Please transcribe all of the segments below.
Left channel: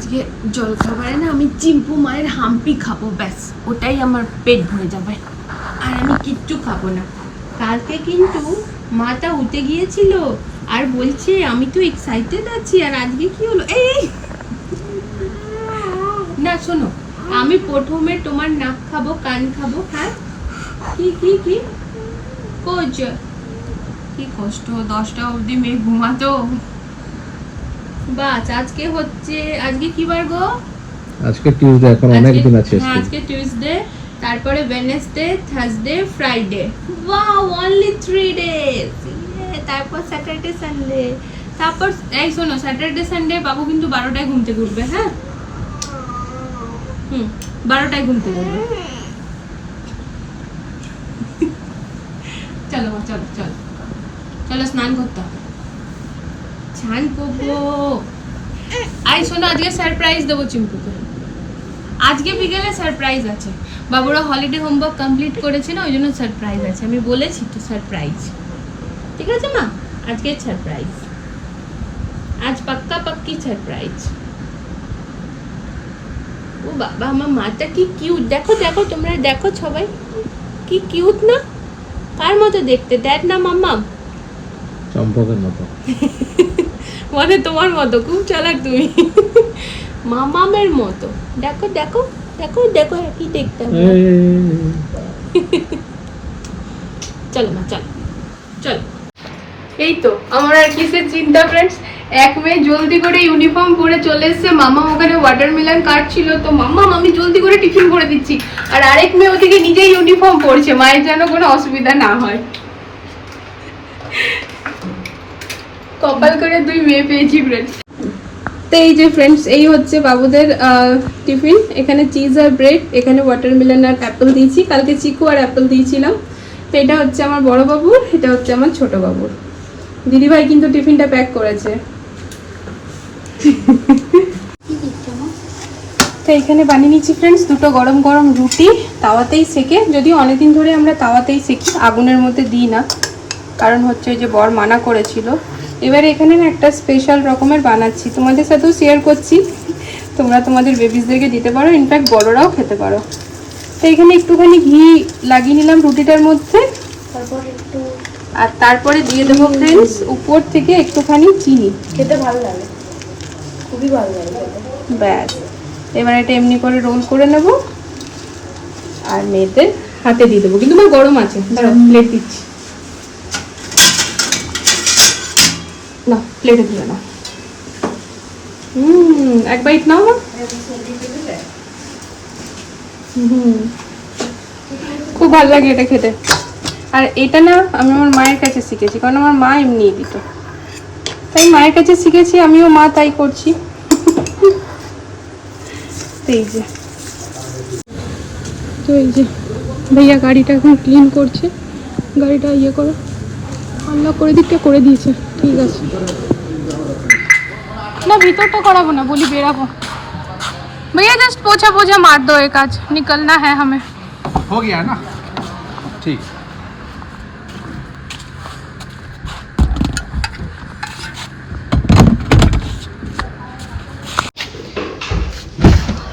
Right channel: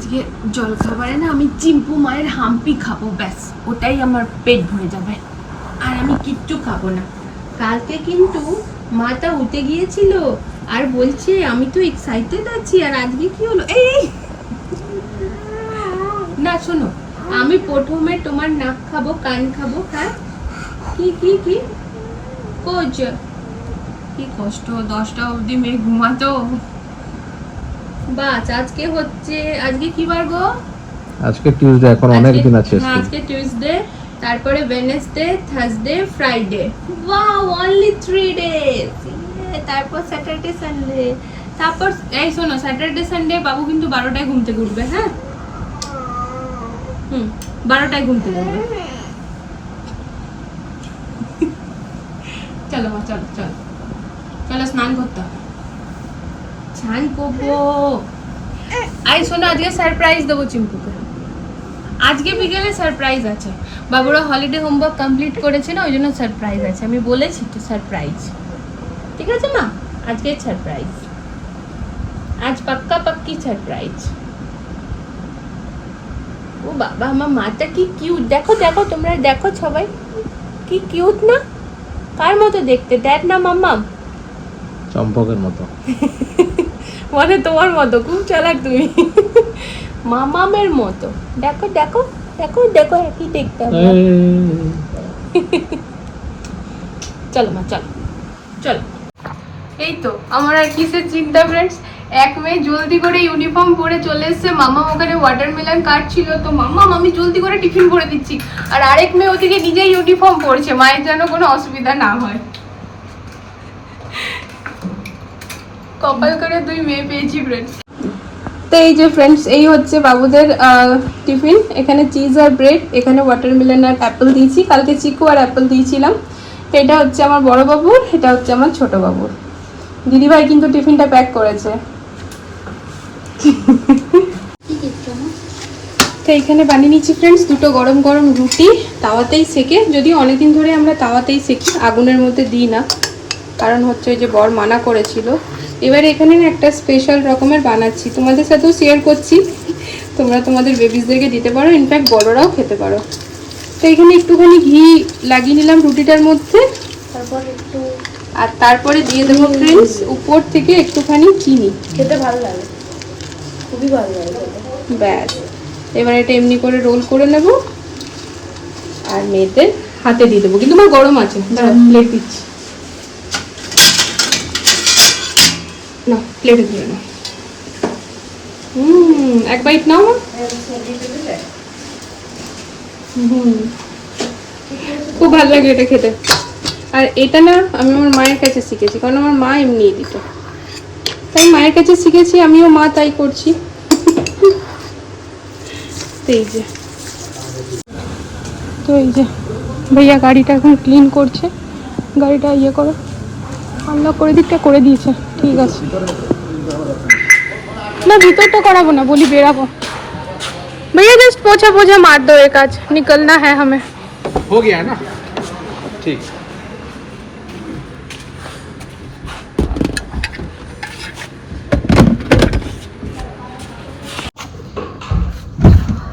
আজকে জল খাবারে না আমি চিম্পু মায়ের হাম্পি খাব, ব্যাস। ওটাই আমার পেট ভরে যাবে। আর আমি কিচ্ছু খাব না। কালকে কিন্তু মাটা উঠে গিয়েছিল আর বলছে, আমি তো এক্সাইটেড আছি, আর আজকে কি হলো? এই না, শোনো, আমি প্রথমে তোমার নাক খাব, কান খাব হ্যাঁ? কি কি কি? কোচ কি কষ্ট, দশটা অবধি মেয়ে ঘুমাতো। বাস আজকে হচ্ছে আজকে কি বার গো? আজকে টিউসডে এখন অনেক দিন আছে হ্যাঁ, আজকে টিউসডে তারপরে Wednesday Thursday Friday wow only three days তারপর স্যাটারডে সানডে তারপর এই শোনো স্যাটারডে সানডে বাবু কিন্তু বারোটায় ঘুম থেকে উঠবে হ্যাঁ? হুম বারোটায় ঘুম থেকে উঠবে। চলো মা চলো চলো। চলো স্নান করতে হবে। স্নান করব। আই শোনো আজকে সারপ্রাইজ দেবো চিম্পুকে আজকে বিকেলে সারপ্রাইজ আছে। বাবুরা হলিডে হোমওয়ার্ক কমপ্লিট করেছে না ওই জন্য সারপ্রাইজ আছে। আমি বলেছি তো সারপ্রাইজ ঠিক আছে মা? আজকে সারপ্রাইজ আজ পাক্কা পাক্কি সারপ্রাইজ ও বাবা আমার মাটা কি কিউট দেখো দেখো তোমরা দেখো সবাই। কি কিউট না? কার মতো দেখতে? দেখ না মাম্মা চম্পকের মতো। মানে তোমার মতো খুব চালাক তুমি। মামামের মতো। দেখো দেখো দেখো দেখো একই দেখতে হবে। চলো মা চলো। চলো। এই তো আমার আর কিসের চিন্তা ফ্রেন্ডস এক মেয়ে জলদি করে ইউনিফর্ম পরে চলে এসেছে। মামা ওখানে ওয়াটারমেলন কাটছিল। তো মামা আমি জলদি করে টিফিন করে দিচ্ছি। আর আরেক মেয়ে ওদিকে নিজেই ইউনিফর্ম পরছে। মায়ের যেন কোনো অসুবিধা না হয়। কপাল করে দুই মেয়ে পেয়েছি ফ্রেন্ডস তো এই যে ফ্রেন্ডস এই হচ্ছে বাবুদের টিফিন। এখানে চিজ আর ব্রেড এখানে ওয়াটারমেলন আর অ্যাপেল দিয়েছি। কালকে চিকু আর অ্যাপেল দিয়েছিলাম। এটা হচ্ছে আমার বড় বাবুর, এটা হচ্ছে আমার ছোট বাবুর। দিদিভাই কিন্তু টিফিনটা প্যাক করেছে। তো এখানে বানিয়ে নিচ্ছি ফ্রেন্ডস দুটো গরম গরম রুটি, তাওয়াতেই সেকে। যদিও অনেকদিন ধরে আমরা তাওয়াতেই সেকি, আগুনের মধ্যে দিই না। কারণ হচ্ছে যে বর মানা করেছিল। এবারে এখানে না একটা স্পেশাল রকমের বানাচ্ছি। তোমাদের সাথেও শেয়ার করছি। তোমরা তোমাদের বেবিসদেরকে দিতে পারো ইনফ্যাক্ট বড়রাও খেতে পারো। তো এখানে একটুখানি ঘি লাগিয়ে নিলাম রুটিটার মধ্যে। তারপর একটু আর তারপরে দিয়ে দেবো ফ্রেন্ডস উপর থেকে একটুখানি চিনি। খেতে ভালো লাগে। খুবই ভালো লাগে ব্যাস। এবার এটা এমনি করে রোল করে নেব। আর মেয়েদের হাতে দিয়ে দেবো। কিন্তু আমার গরম আছে। দাঁড়াও প্লেট দিচ্ছি। না প্লেটে ধরে না হুম, এক বাইট নাও মা। হুম, খুব ভালো লাগে এটা খেতে। আর এটা না আমি আমার মায়ের কাছে শিখেছি, কারণ আমার মা এমনি দিত। তাই মায়ের কাছে শিখেছি, আমিও মা তাই করছি। এই যে। তো এই যে, ভাইয়া গাড়িটা এখন ক্লিন করছে। গাড়িটা ইয়ে করো আনলক করে দিকটা করে দিয়েছে। ঠিক আছে না ভিতরটা করাবো না বলি বেরাবো भैया जस्ट पोछा पोछा मार दो एक आज निकलना है हमें हो गया ना ठीक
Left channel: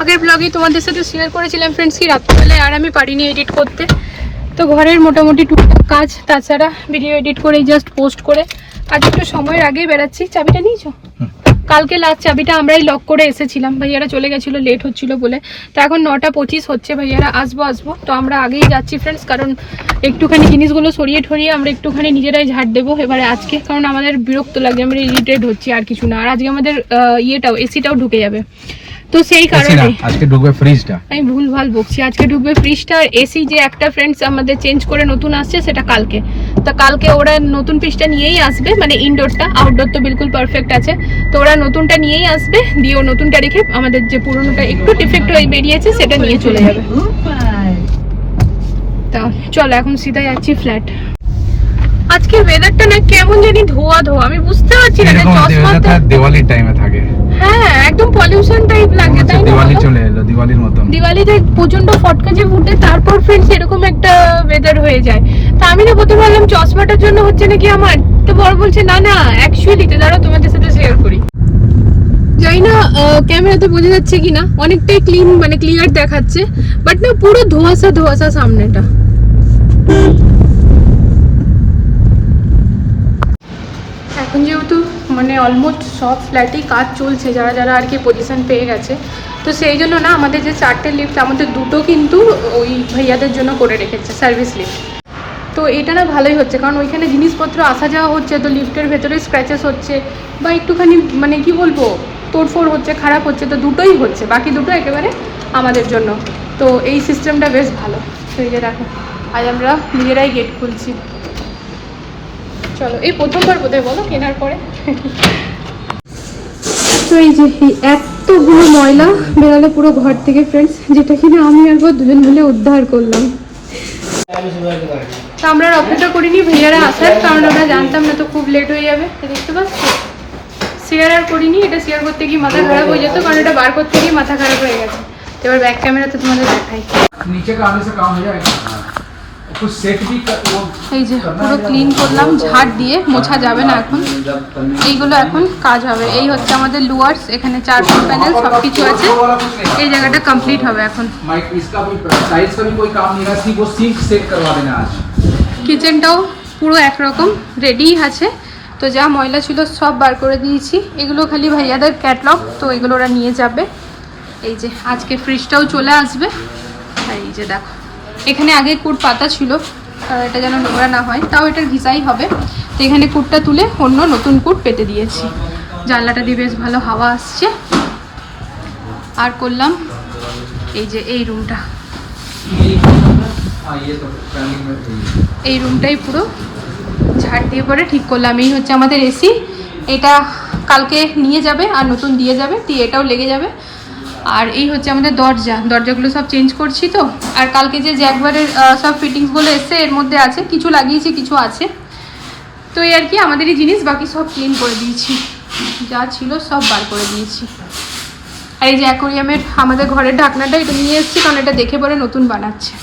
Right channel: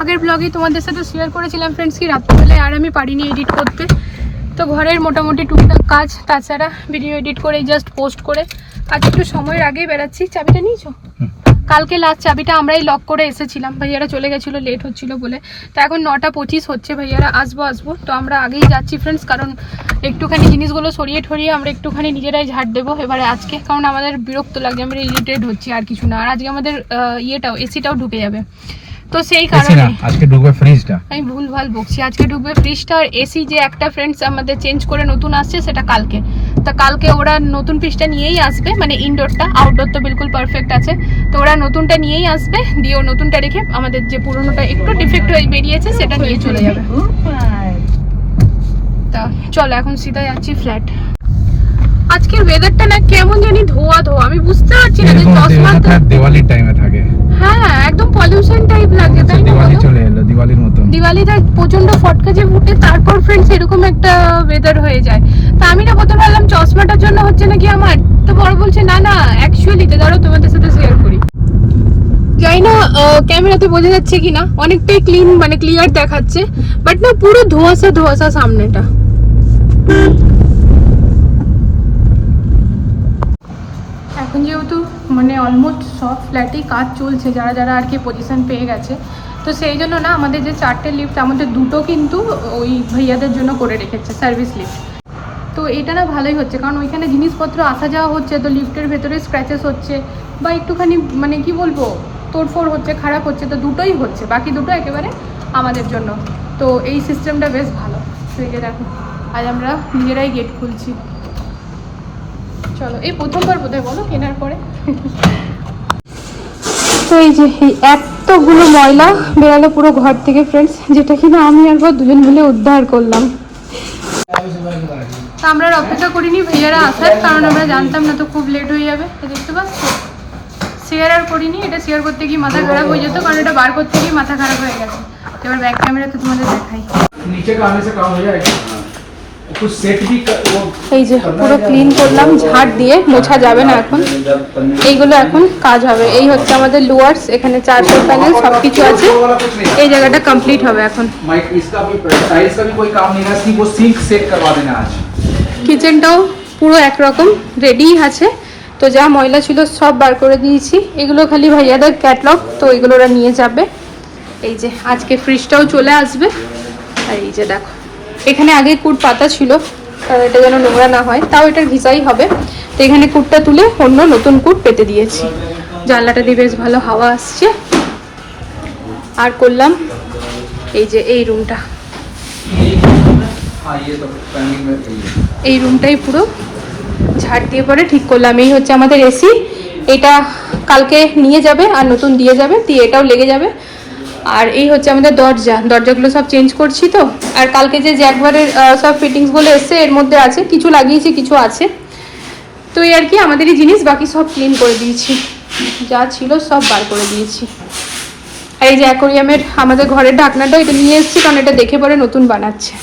আগের ব্লগে তোমাদের সাথে শেয়ার করেছিলাম ফ্রেন্ডস কি রাত্রিবেলায় আর আমি পারিনি এডিট করতে তো ঘরের মোটামুটি টুকটাক কাজ তাছাড়া ভিডিও এডিট করে জাস্ট পোস্ট করে আজ একটু সময়ের আগেই বেরাচ্ছি চাবিটা নিয়েছো? কালকে লাস্ট চাবিটা আমরাই লক করে এসেছিলাম। ভাইয়ারা চলে গেছিল লেট হচ্ছিল বলে। তো এখন নটা পঁচিশ হচ্ছে ভাইয়ারা আসব আসব। তো আমরা আগেই যাচ্ছি ফ্রেন্ডস কারণ একটুখানি জিনিসগুলো সরিয়ে ঠরিয়ে আমরা একটুখানি নিজেরাই ঝাড় দেবো এবারে আজকে। কারণ আমাদের বিরক্ত লাগে আমরা ইরিটেড হচ্ছি আর কিছু না। আর আজকে আমাদের ইয়েটাও এসিটাও ঢুকে যাবে। তো সেই কারণে। আজকে ঢুকবে ফ্রিজটা আমি ভুল ভালো বকছি। আজকে ঢুকবে ফ্রিজটা আর এসি যে একটা ফ্রেন্ডস আমাদের চেঞ্জ করে নতুন আসছে সেটা কালকে। তো কালকে ওরা নতুন পিসটা নিয়েই আসবে মানে ইনডোরটা আউটডোর তো বিলকুল পারফেক্ট আছে। তো ওরা নতুনটা নিয়েই আসবে দিয়ে নতুনটা রেখে আমাদের যে পুরোনোটা একটু ডিফেক্ট হয়ে বেরিয়েছে সেটা নিয়ে চলে যাবে। তা চলো এখন সিধা যাচ্ছি ফ্ল্যাট আজকের ওয়েদারটা না কেমন জানি ধোয়া ধোয়া আমি বুঝতে পারছি না চশমাটা দিওয়ালির টাইমে হ্যাঁ একদম পলিউশন টাইপ লাগে তাই না দিওয়ালি চলে এলো দিওয়ালির মতো দিওয়ালিতে প্রচণ্ড ফটকা যে ফুটে তারপর ফ্রেন্ডস এরকম একটা ওয়েদার হয়ে যায়। তা আমি না প্রথমে ভাবলাম চশমাটার জন্য হচ্ছে নাকি আমার তো বড় বলছে না না অ্যাকচুয়ালি তো দাঁড়াও তোমাদের সাথে শেয়ার করি। জানি না ক্যামেরাতে বোঝা যাচ্ছে কি না অনেকটাই ক্লিন মানে ক্লিয়ার দেখাচ্ছে বাট না পুরো ধোঁয়াশা ধোঁয়াশা সামনেটা। এখন যেহেতু মানে অলমোস্ট সব ফ্ল্যাটেই কাজ চলছে, যারা যারা আর কি পজিশন পেয়ে গেছে। তো সেই জন্য না, আমাদের যে চারটে লিফট আমাদের দুটো কিন্তু ওই ভাইয়াদের জন্য করে রেখেছে সার্ভিস লিফট তো এটা না ভালোই হচ্ছে, কারণ ওইখানে জিনিসপত্র আসা যাওয়া হচ্ছে, তো লিফটের ভেতরে স্ক্র্যাচেস হচ্ছে, বা একটুখানি মানে কি বলব, তোড়ফোড় হচ্ছে, খারাপ হচ্ছে, তো দুটোই হচ্ছে, বাকি দুটো একেবারে আমাদের জন্য। তো এই সিস্টেমটা বেশ ভালো। তো এই যে দেখো, আজ আমরা নিজেরাই গেট খুলছি। চলো, এই প্রথমবার বোধহয় বলো, কেনার পরে? তো এই যে এই এতগুলো ময়লা বেরালো পুরো ঘর থেকে ফ্রেন্ডস যেটা কিনা আমি একবার দুজন মিলে উদ্ধার করলাম। তো আমরা আর অপেক্ষা করিনি ভাইয়ারা আসার কারণ আমরা জানতাম না তো খুব লেট হয়ে যাবে। দেখতে পাচ্ছি? শেয়ার আর করিনি এটা শেয়ার করতে গিয়ে মাথা খারাপ হয়ে যেত কারণ এটা বার করতে গিয়ে মাথা খারাপ হয়ে গেছে। এবার ব্যাক ক্যামেরাতে তোমাদের দেখাই। নিচে কামে সে কাম হয়ে যায় এই যে পুরো ক্লিন করলাম ঝাড় দিয়ে মোছা যাবে না এখন। এইগুলো এখন কাজ হবে। এই হচ্ছে আমাদের লোয়ার্স এখানে চারটে প্যানেল সব কিছু আছে। এই জায়গাটা কমপ্লিট হবে এখন। কিচেনটাও পুরো একরকম রেডি আছে। তো যা ময়লা ছিল সব বার করে দিয়েছি। এগুলো খালি ভাইয়াদের ক্যাটলগ তো এগুলো ওরা নিয়ে যাবে। এই যে আজকে ফ্রিজটাও চলে আসবে। আর এই যে দেখো। এখানে আগে কুট পাতা ছিল কারণ এটা যেন নোংরা না হয়, তাও এটার ভিজাই হবে। তো এখানে কুটটা তুলে অন্য নতুন কুট পেতে দিয়েছি। জানলাটা দিয়ে বেশ ভালো হাওয়া আসছে। আর করলাম এই যে এই রুমটা। এই রুমটাই পুরো ঝাড় দিয়ে পরে ঠিক করলাম। এই হচ্ছে আমাদের এসি। এটা কালকে নিয়ে যাবে আর নতুন দিয়ে যাবে, দিয়ে এটাও লেগে যাবে। আর এই হচ্ছে আমাদের দরজা। দরজাগুলো সব চেঞ্জ করছি তো। আর কালকে যে জ্যাকবারের সব ফিটিংসগুলো এসছে, এর মধ্যে আছে, কিছু লাগিয়েছি, কিছু আছে। তো এই আর কি, আমাদেরই জিনিস, বাকি সব ক্লিন করে দিয়েছি। যা ছিল সব বার করে দিয়েছি। আর এই যে অ্যাকোরিয়ামের আমাদের ঘরের ঢাকনাটা এটা নিয়ে এসেছি, কারণ এটা দেখে পরে নতুন বানাচ্ছে।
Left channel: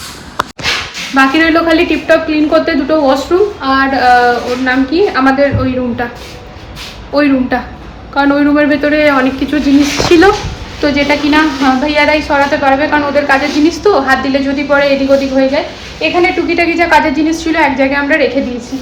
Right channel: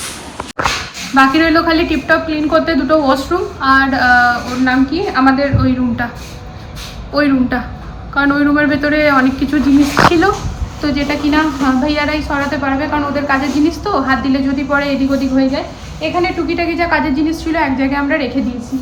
বাকি রইল খালি টিপটপ ক্লিন করতে দুটো ওয়াশরুম আর ওর নাম কি? আমাদের ওই রুমটা ওই রুমটা কারণ ওই রুমের ভেতরে অনেক কিছু জিনিস ছিল। তো যেটা কিনা আহ, ভাইয়ারাই সরাতে পারবে কারণ ওদের কাজের জিনিস তো হাত দিলে যদি পরে এদিক ওদিক হয়ে যায়। এখানে টুকিটাকি যা কাজের জিনিস ছিল এক জায়গায় আমরা রেখে দিয়েছি।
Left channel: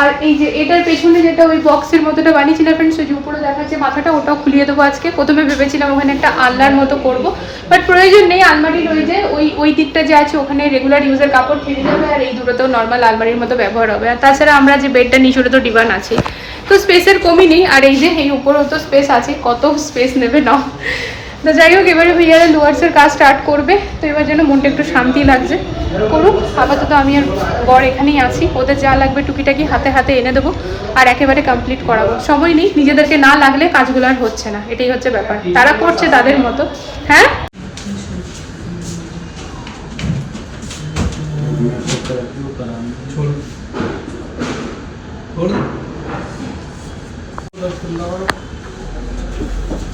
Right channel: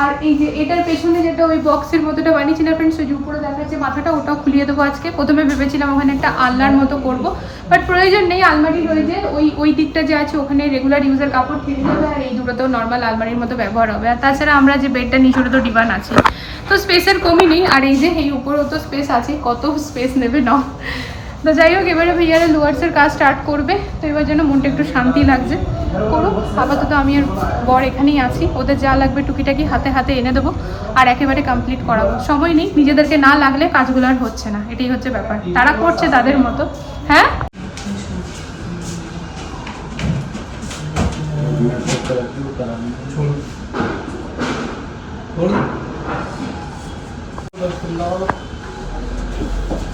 আর এই যে এটার পেছনে যেটা ওই বক্সের মতোটা বানিয়েছিলাম ফ্রেন্ডস ওই যে উপরে দেখা দেখাচ্ছে মাথাটা ওটাও খুলিয়ে দেবো আজকে। প্রথমে ভেবেছিলাম ওখানে একটা আলনার মতো করব বাট প্রয়োজন নেই আলমারি রয়েছে ওই ওই দিকটা যে আছে ওখানে রেগুলার ইউজের কাপড় থেকে যাবে আর এই দুটোতেও নর্মাল আলমারির মতো ব্যবহার হবে। আর তাছাড়া আমরা যে বেডটা সেটা তো ডিবান আছে। তো স্পেসের কমই নেই আর এই যে এই উপরেও তো স্পেস আছে কত স্পেস নেবে না তো যাই হোক, এবারে ভাইয়ারা লোয়ার্সের কাজ স্টার্ট করবে। তো এবার যেন মনটা একটু শান্তি লাগছে। করুক, আপাতত আমি আর বর এখানেই আছি। ওদের যা লাগবে টুকিটাকি হাতে হাতে এনে দেবো আর একেবারে কমপ্লিট করাবো। সময় নেই, নিজেদেরকে না লাগলে কাজগুলো আর হচ্ছে না। এটাই হচ্ছে ব্যাপার। তারা করছে তাদের মতো। হ্যাঁ?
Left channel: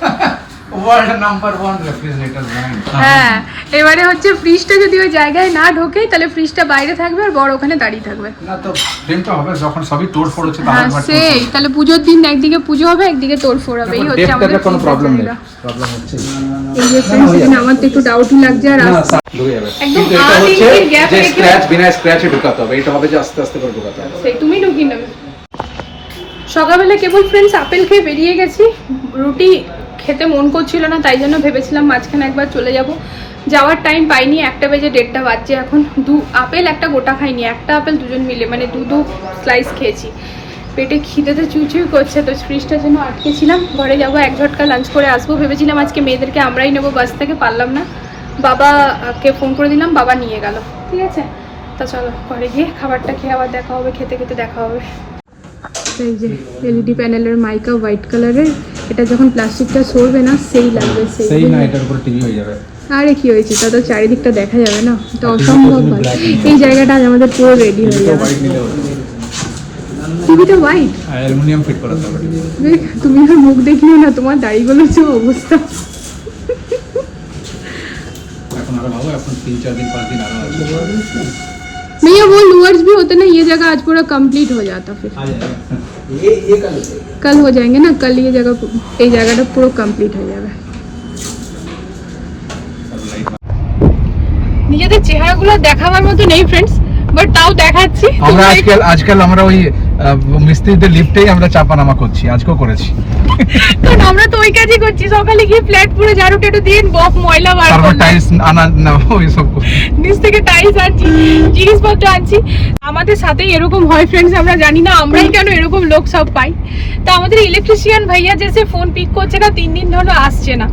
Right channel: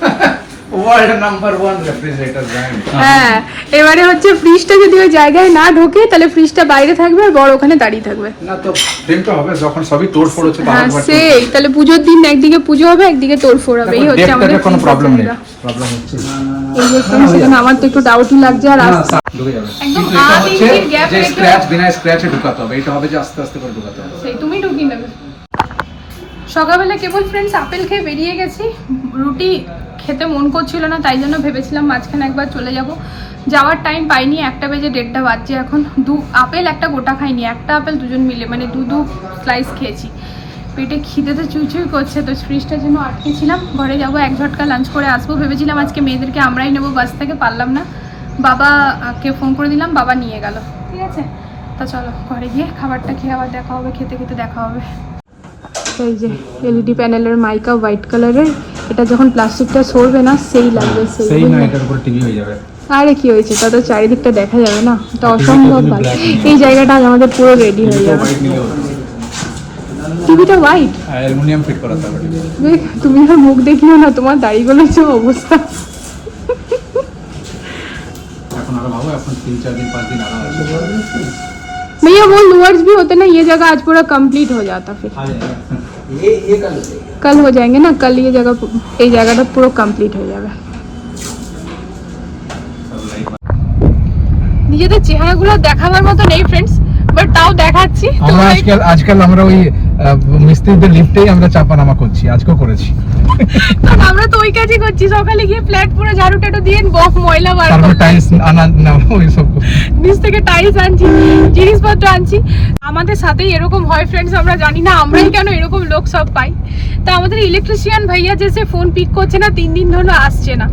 হ্যাঁ। এবারে হচ্ছে ফ্রিজটা যদি ওই জায়গায় না ঢোকে তাহলে ফ্রিজটা বাইরে থাকবে আর বড় ওখানে দাঁড়িয়ে থাকবে। না তো প্রেম তো হবে যখন সবই তোড় হ্যাঁ সেই। তাহলে পুজোর দিন একদিকে পুজো হবে একদিকে তোর ফোর হবে। এই হচ্ছে আমাদের কোনো প্রবলেম নেই। প্রবলেম হচ্ছে। এই যে এখানে আমার তো একটু ডাউটই লাগছে আর না, আসছে ঢুকে যাবে। একদম কিন্তু এটা আধ হচ্ছে ইঞ্চির gap যে রেখে- স্ক্র্যাচ বিনা স্ক্র্যাচে ঢুকাতে হবে। এটা হবে যে আস্তে আস্তে করে ঢুকাতে হবে। সেই তুমি ঢুকি নেবে। সকালবেলা কেবল ফ্রেন্ডস আপেল খেয়ে বেরিয়ে গেছি। রুটি খেতে মন করছিল না, তাই জন্য ভেবেছিলাম মাঝখানে একবার চলে যাব। যাওয়ার টাইম পাইনি, একটা বেজে দেড়টা বাজছে এখন। দু আপেল, একটা গোটা খাইনি, একটা আপেল দুজন মিলে মানে দু দু স্লাইস খেয়েছি। পেটে খিদেতে চুচুই করছে, তো ফ্রিজটার জন্য আটকেছিলাম ঘরে যাব, এক ঝটকা লাঞ্চ করে আসব। ভেবেছিলাম আজকে মেয়েদেরকে আমরাই নেব বাস থেকে, পারলাম না। বাবাকে ফোন করে দিলাম, বাবা নিয়ে গেল। ঠিক আছে? তা চলো, ঘরে গিয়ে খাবারটা খেয়ে আবার দেখা হবে, খেতে খেতে দেখা হবে। এই যে এলইডি প্যানেলের মাইকা হোয়াইট কালারের এটা যখন প্লাস্টিকটা সরবে না সেই লাগবে সেই না এটার উপর টিভি হয়ে যাবে। আরে কি হয়েছে? তা তো চারিদিকটা দেখা যাবে না। এটা অসম্ভব ভালো এই জায়গাটা আজ আমাদের পুরো রেডি হয়ে যাবে। টিভিটা হোয়াইট অ্যালুমিনিয়াম ফিট করা হবে তুমি আর মুখ দেখিও না তোমার দাড়িগুলো যে অবস্থা। এখন আরও ভাবো এখন তিন চার দিন পাঁচ দিন আরও আছে। भैया वो लूअर्स भी होते ना ये जगह आज पूरा कंप्लीट हो जाता फिर ये ये कर लेते कल हो जाएंगे ना कल ये जगह এই জায়গাটা পুরো কমপ্লিট হয়ে যাবে নিজেদের চেহারাগুলো দেখাবার মতো নেই ফ্রেন্ডস বাট তাও দেখাচ্ছি আমরা তোমরা আজকাল আজকাল আমরা ওই আহ, মিস্ত্রিদের লিফটেই আমরা চাপা নামা করছি আজকেও করেছি। কারণ আমরা তো ওই কাজই করছি সকালে গিয়ে ফ্ল্যাট পুরো ঝাড়ু টাটু দিয়ে বক ময়লা বার করলাম। টাইলস আনা না ওই সব নিচ থেকে টাইলস আনছি জিনিসপত্র আনছি। আমাদের সাথেই এরকম হয় ফ্রেন্ডস আমরা জানি না আমরাই কেন এরকম লোক সব পাই। তা আমাদের ইলেকট্রিশিয়ান ভাইয়া যে সে ফোন পিক করছে না তিন দিন ধরে আসছে না।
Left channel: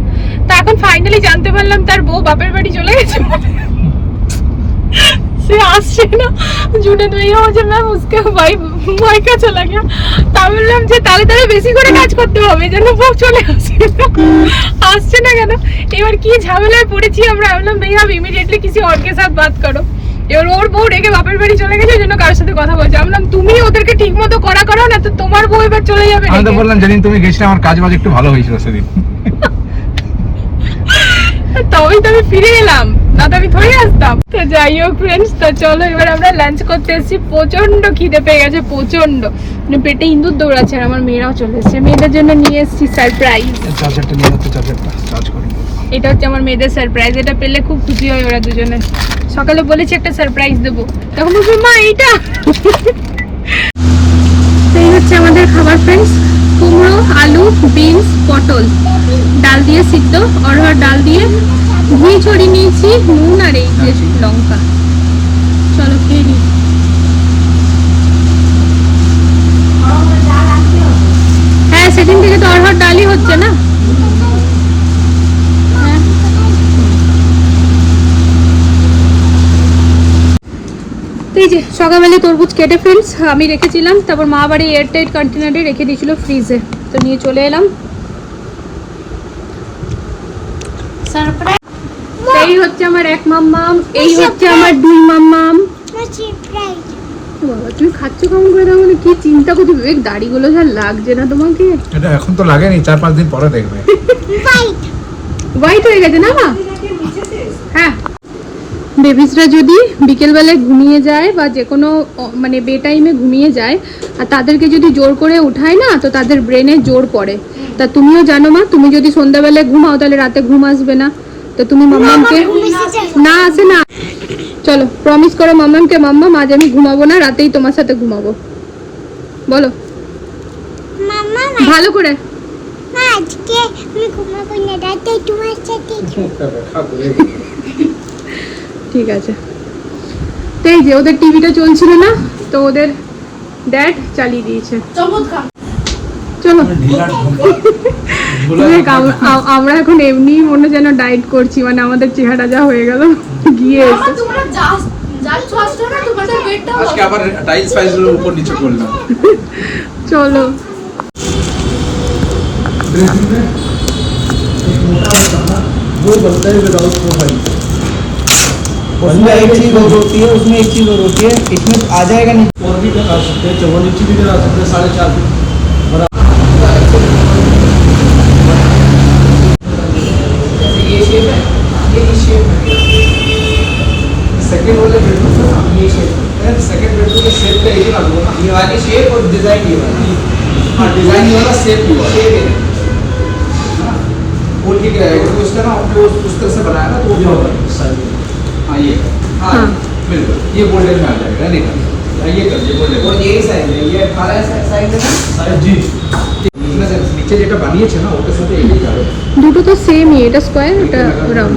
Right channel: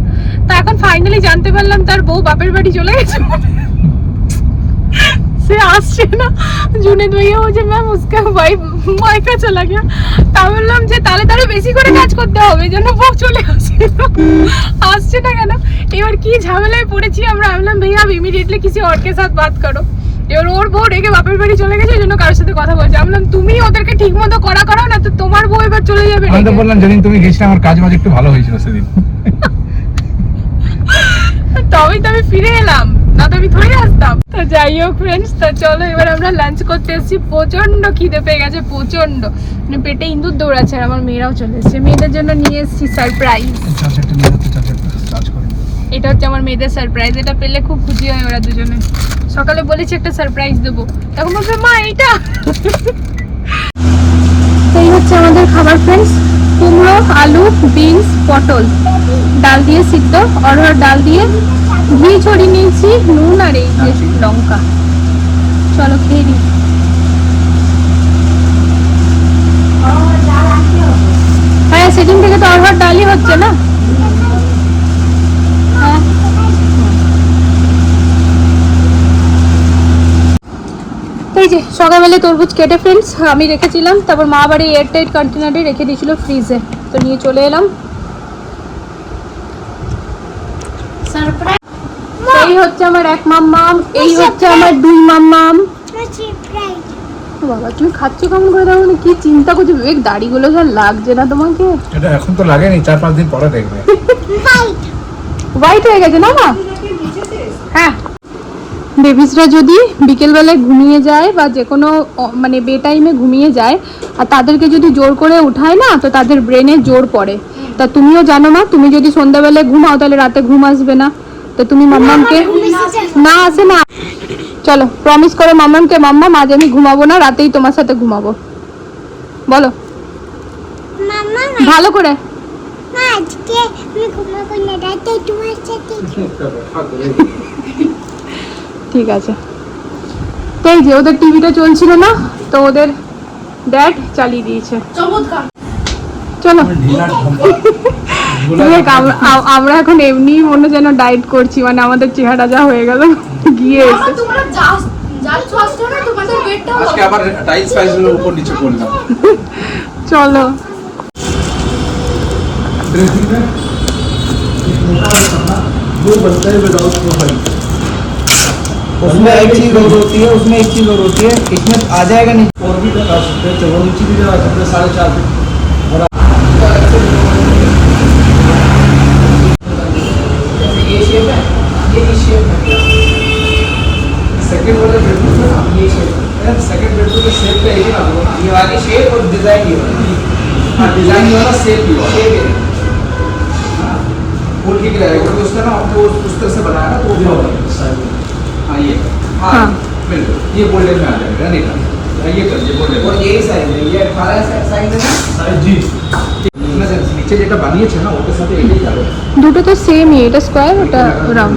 তা এখন ফাইনালি জানতে পারলাম তার বউ বাপের বাড়ি চলে গেছে। সে আসছে না। জুনেদ ভাইয়া হচ্ছে ম্যাম উসকে ভাই মাইকা চলে গেল তা বললাম যে তাহলে তাহলে বেশি করে কাজ করতে হবে যেন বউ চলে আসছিল আসছে না কেন? এবার কি ঝামেলায় পড়েছি আমরা? বললাম ভাইয়া ইমিডিয়েটলি কিছু অর্কে সাথে বাদ করো। এবার ওর বউ রেগে বাপের বাড়ি চলে গেছে জন্য কার সাথে কথা বলছে। বললাম তুমি ওদেরকে ঠিক মতো করা করো না তো তোমার বউ এবার চলে যাবে আমি তো বললাম যেদিন তুমি গেছিলে আমার কাজ বাজ একটু ভালো হয়েছিল সেদিন। তবেই তো আমি ফিরে এলাম। না তো আসতাম। তো যাই হোক ফ্রেন্ডস তো চলো এবার আমরা লাঞ্চ করতে এসেছি। প্রচণ্ড খিদে পেয়ে গেছে প্রচণ্ড মানে পেটে দৌড়াচ্ছে আর আমার মেয়েরাও চলে এসেছে। মেয়েদের জন্য নিয়ে এসেছি সারপ্রাইজ এটা হচ্ছে আমার মেয়েদের সারপ্রাইজ এটা পেলে খুব খুশি হয় ওরা দুজনে। সকালে বলেছি একটা সারপ্রাইজ দেবো। তখন বলবে মা এইটা। তো এই হচ্ছে আমাদের খাবার ফ্রেন্ডস কুমড়ো আলু বিনস পটল। ডাল দিয়ে সিদ্ধ। অরহর ডাল দিয়ে ঘি ছড়িয়ে নিয়েছি, নুন আর এই যে লঙ্কা। চলো খেয়ে হ্যাঁ সেদিন থেকে তো হচ্ছে না। এই যে সকালবেলা তরমুজ কেটে ফ্রেন্ডস আমি রেখেছিলাম, তারপর মা বাড়ি এয়ারটাইট কন্টেনারে রেখে দিয়েছিল ফ্রিজে তো নিয়ে চলে এলাম। এই হচ্ছে আমার এক মাম্মাম এই হচ্ছে আমার দুই মাম্মাম। বাবা তুমি খাচ্ছ কেমন করে না? কি চিন্তা করছ? বিবেক দাড়িগুলো যা লাগছে না তোমাকে? এটা এখন তো লাগেনি চার পাঁচ দিন পরে দেখবে। হোয়াইট হয়ে গেছে না মা? হ্যাঁ। বেবিসরা যদি বিকেলবেলায় ঘুমিয়ে যায় বা যে কোনো মানে বে টাইমে ঘুমিয়ে যায় আর তাদেরকে যদি জোর করে উঠায় না তো তাদের ব্রেনে জোর পড়ে। তা তুমিও জানো মা তুমি যদি সন্ধ্যাবেলায় ঘুমাও তাহলে রাতে ঘুম আসবে না। তো তুমি মাম্মামকে না আসে না। চলো প্রমিস করো মাম্মামকে মাম্মাম আজ আমি ঘুমাবো না রাতেই তোমার সাথে ঘুমাবো। বলো। ভালো করে। আজকে আমি ঘুমাবো না রাতে তোমার সাথে ঠিক আছে। তো এই যে ওদের টিভিটা চলছিল না তো ওদের ড্যাড চালিয়ে দিয়েছে। চলো দেখ, আম- আম- আমরা এখন এমনি মনে যেন ডায়েট করছি মানে আমাদের চেহারা যা হয়ে গেল গিয়ে এসে আজকে আবার টাইলস ফাইলস গুলো উপর নিচে করলাম চলো उसमें एक चीज और होती है उसमें एक चीज और होती है इसमें आ जाएगा नहीं और भी लगा सकते हैं चौवन इंची भी लगा सकते हैं साढ़े चार फीट सेकंड बेडरूम का शेप का एक अलग ये वाली शेप और डिजाइन ये वाला हाँ डिजाइन ये वाला शेप भी वाला शेप है वो ठीक रहेगा क्योंकि उसका ना आपको उस तरह से बनाया ना तो वो होगा हाँ ये हाँ हाँ। बिल्कुल ये गोल्डन में आ जाएगा देखो हाँ, ये कर ये गोल्डन और यही साइज है ये अठारह साइज है ना जी नीचे যেটা বানিয়েছে না ওটার সাথে এটাই যাবে দুটো তো সেমই এটা স্কোয়ার ওটা রাউন্ড